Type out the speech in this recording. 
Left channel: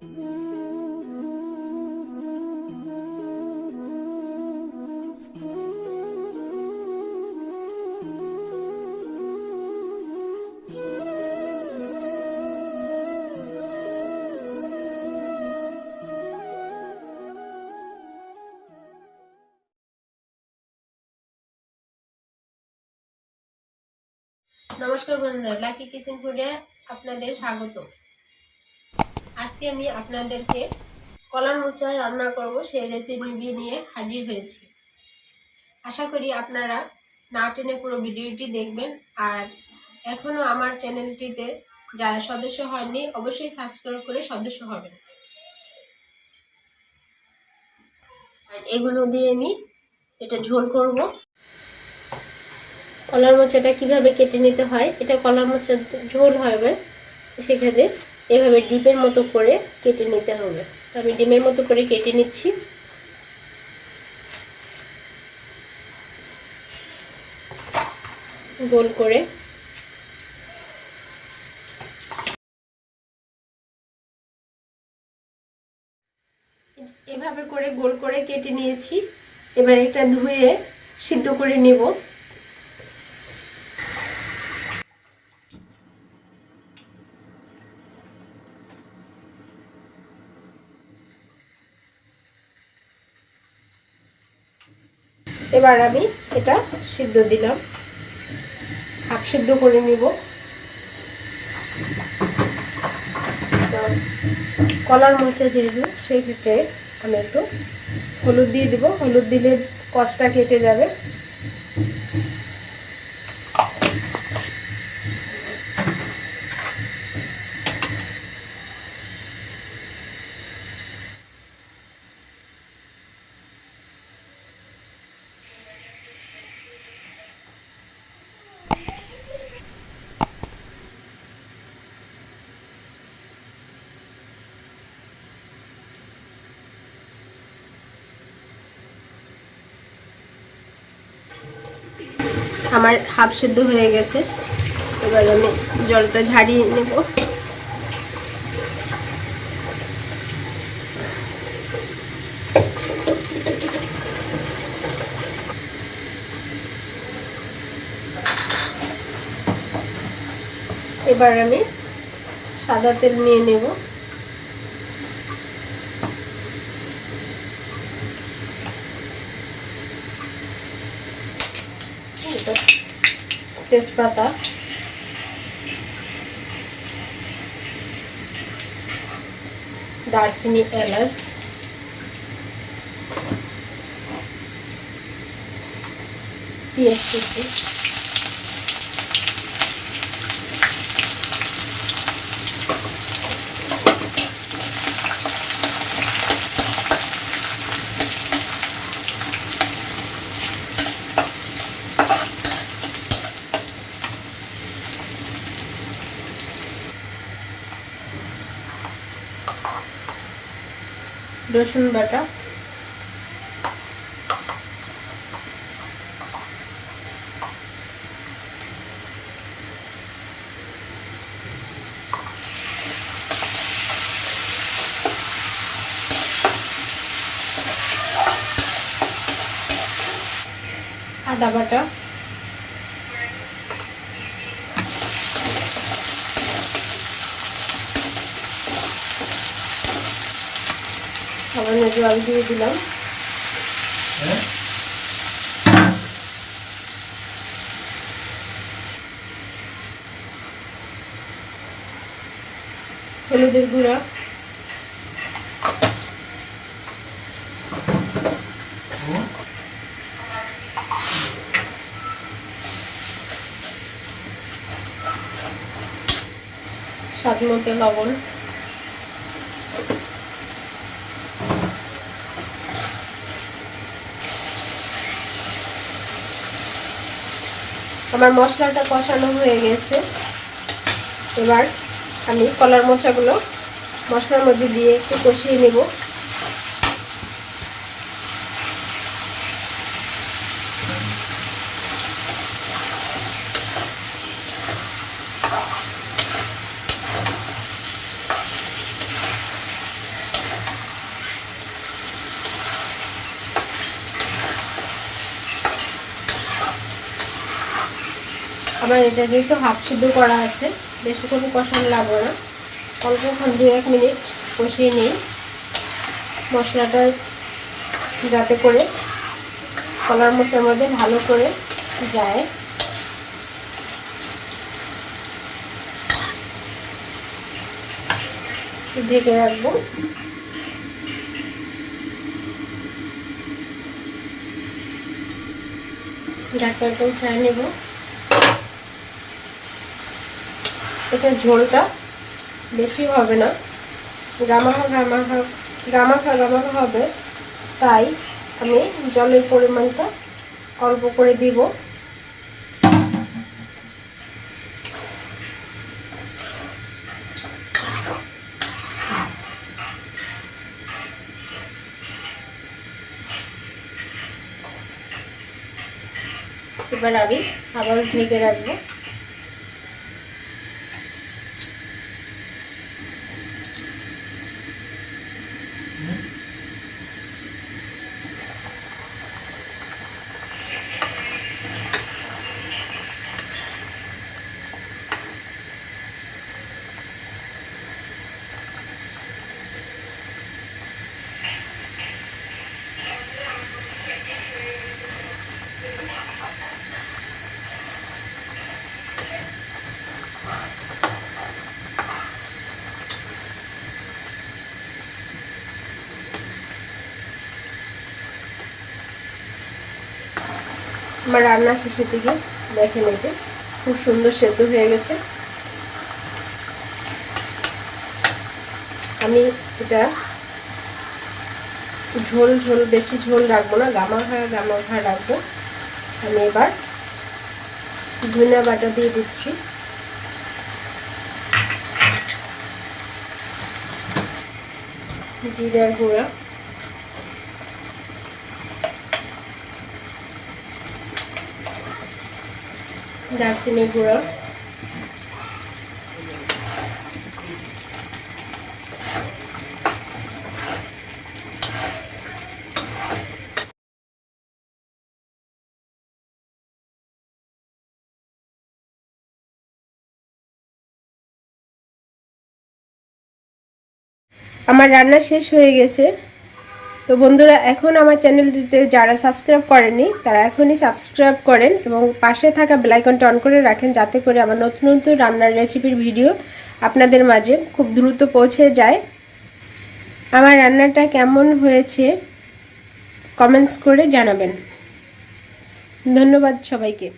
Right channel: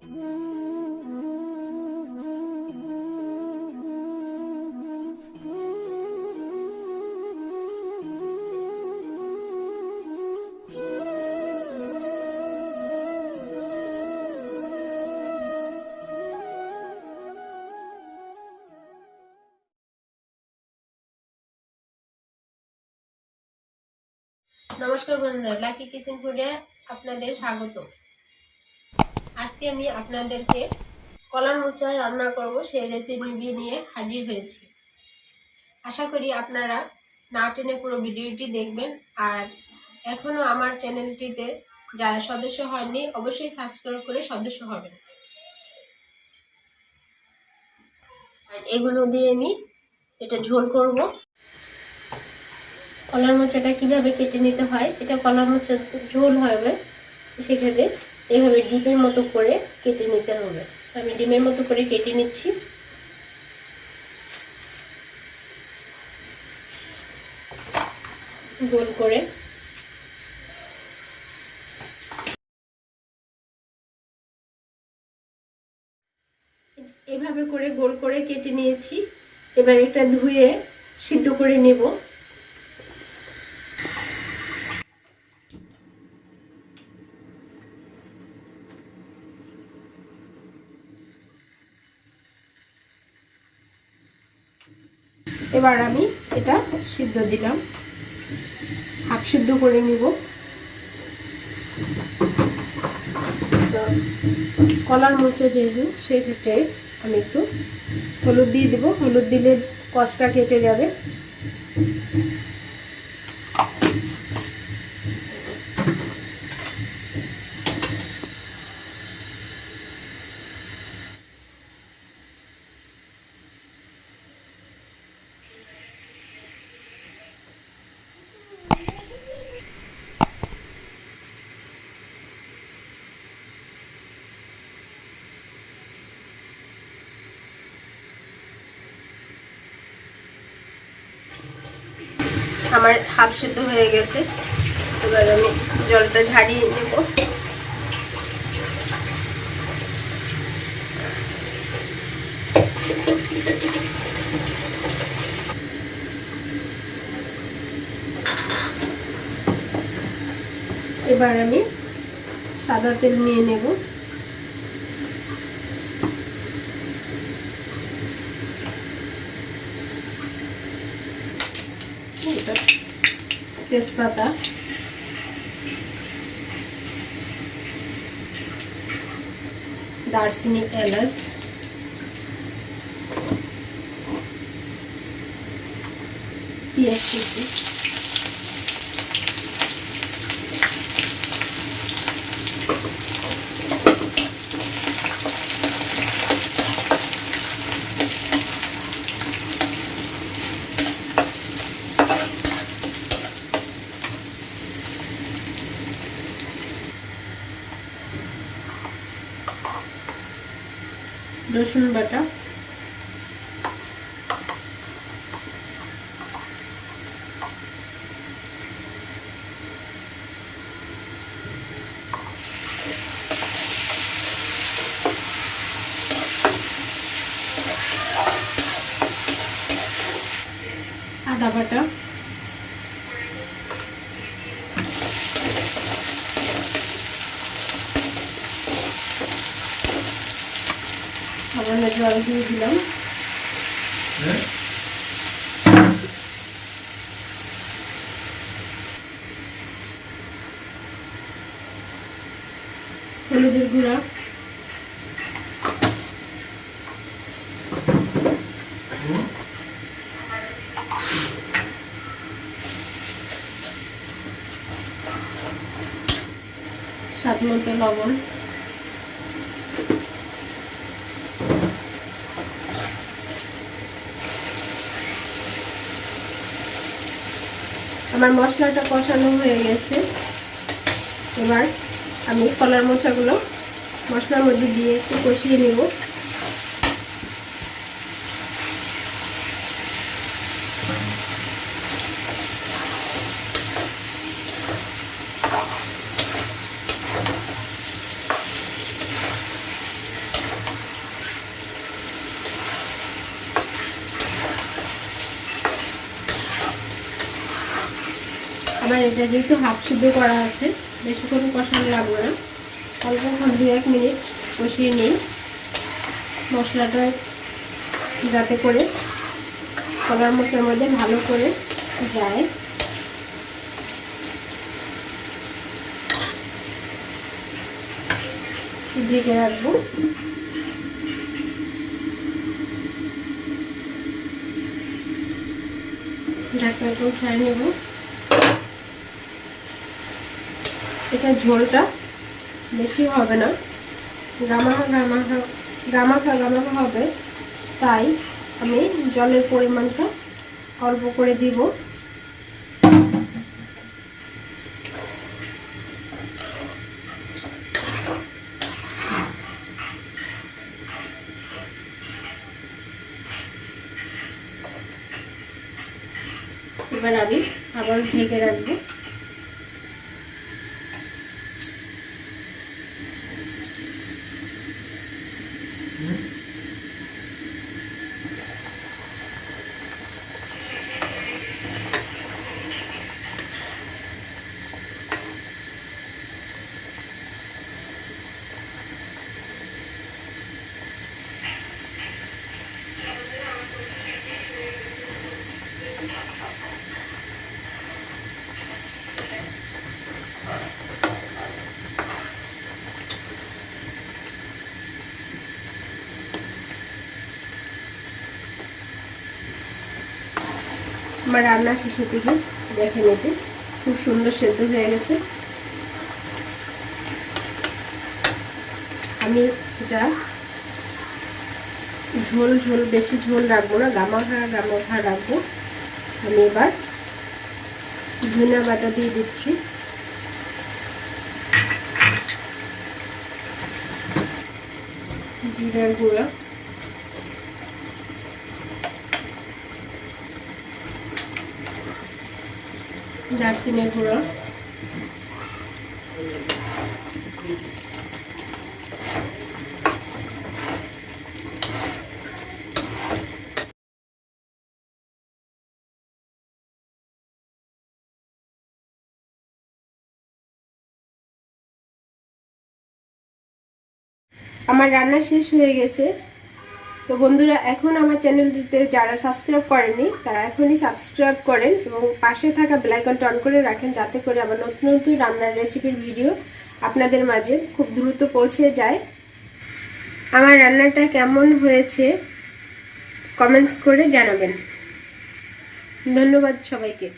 নমস্কার বন্ধুরা, lucky kitchen ফুডে আপনাদের স্বাগত। আজকে আমি আপনাদেরকে কলার মোচা রান্না করব সেই রেসিপি নিয়ে হাজির হয়েছি। আশা করি আপনারা না টেনে পুরো ভিডিওটি দেখবেন। আর এখনো আমার চ্যানেলটিতে যারা সদস্য হননি অবশ্যই সাবস্ক্রাইব করে সদস্য হবেন। আর এগুলো দিয়ে আমি এটা ঝোল করব। কলার মোচাটা কিভাবে কেটে নিতে হয়, এটা কলার মোচার ঝোল হবে, সেক্ষেত্রে এভাবে ডিমের মতো করে কেটে নিতে হবে। আমি ডিমের মতো করে কেটে নিচ্ছি। গোল করে এভাবে করে গোল করে কেটে নিয়েছি। এবার এটা ধুয়ে সিদ্ধ করে নেব। এবার আমি এটা সিদ্ধ দিলাম, হাফ সিদ্ধ করে নিব। কলার মোচা যেহেতু সেক্ষেত্রে আমি একটু হলুদ দিয়ে দেবো, হলুদ দিলে কষটা কেটে যাবে। আমার হাফ সিদ্ধ হয়ে গেছে। এবার আমি জলটা ঝারিয়ে নেব। এবার আমি সাদা তেল নিয়ে নেব। তেজপাতা, দারচিনি, এলাচ, পেঁয়াজ কুচি, রসুন বাটা, আদা বাটা, সামান্য জল দিয়ে দিলাম। হলুদের গুঁড়া, স্বাদ মতো লবণ, আমার মশলাটা কষানো হয়ে গেছে। এবার আমি কলার মোচাগুলো মশলার মধ্যে দিয়ে একটু কষিয়ে নেব। আমার এটা যেহেতু হাফ সিদ্ধ করা আছে, বেশিক্ষণ কষানো লাগবে না, অল্প 1 মিনিট কষিয়ে নিই মশলাটা, যাতে করে কলার মোচার মধ্যে ভালো করে যায়। ঢেকে রাখবো। ঢাকনাটা উঠিয়ে নেব। এটা ঝোলটা বেশি হবে না, গামাখা হবে, তাই আমি জলের পরিমাণটা অল্প করে দিব। এবার আমি আবার ঢেকে রাখবো। আমার রান্না শেষের দিকে দেখে নিয়েছি খুব সুন্দর সেদ্ধ হয়ে গেছে। আমি এটা ঝোল বেশি ঝোল রাখবো না, গামাখা রাখবো। আমি এবার ধনিয়া বাটা দিয়ে দিচ্ছি। জিরার গুঁড়া, দারচিনির গুঁড়া, আমার রান্না শেষ হয়ে গেছে। তো বন্ধুরা, এখন আমার চ্যানেলটিতে যারা সাবস্ক্রাইব করেননি তারা এখনই সাবস্ক্রাইব করেন এবং পাশে থাকা বেল আইকনটা অন করে রাখেন, যাতে করে আমার নতুন নতুন রান্নার রেসিপির ভিডিও আপনাদের মাঝে খুব দ্রুত পৌঁছে যায়। আমার রান্নাটা কেমন হয়েছে কমেন্টস করে জানাবেন। ধন্যবাদ সবাইকে।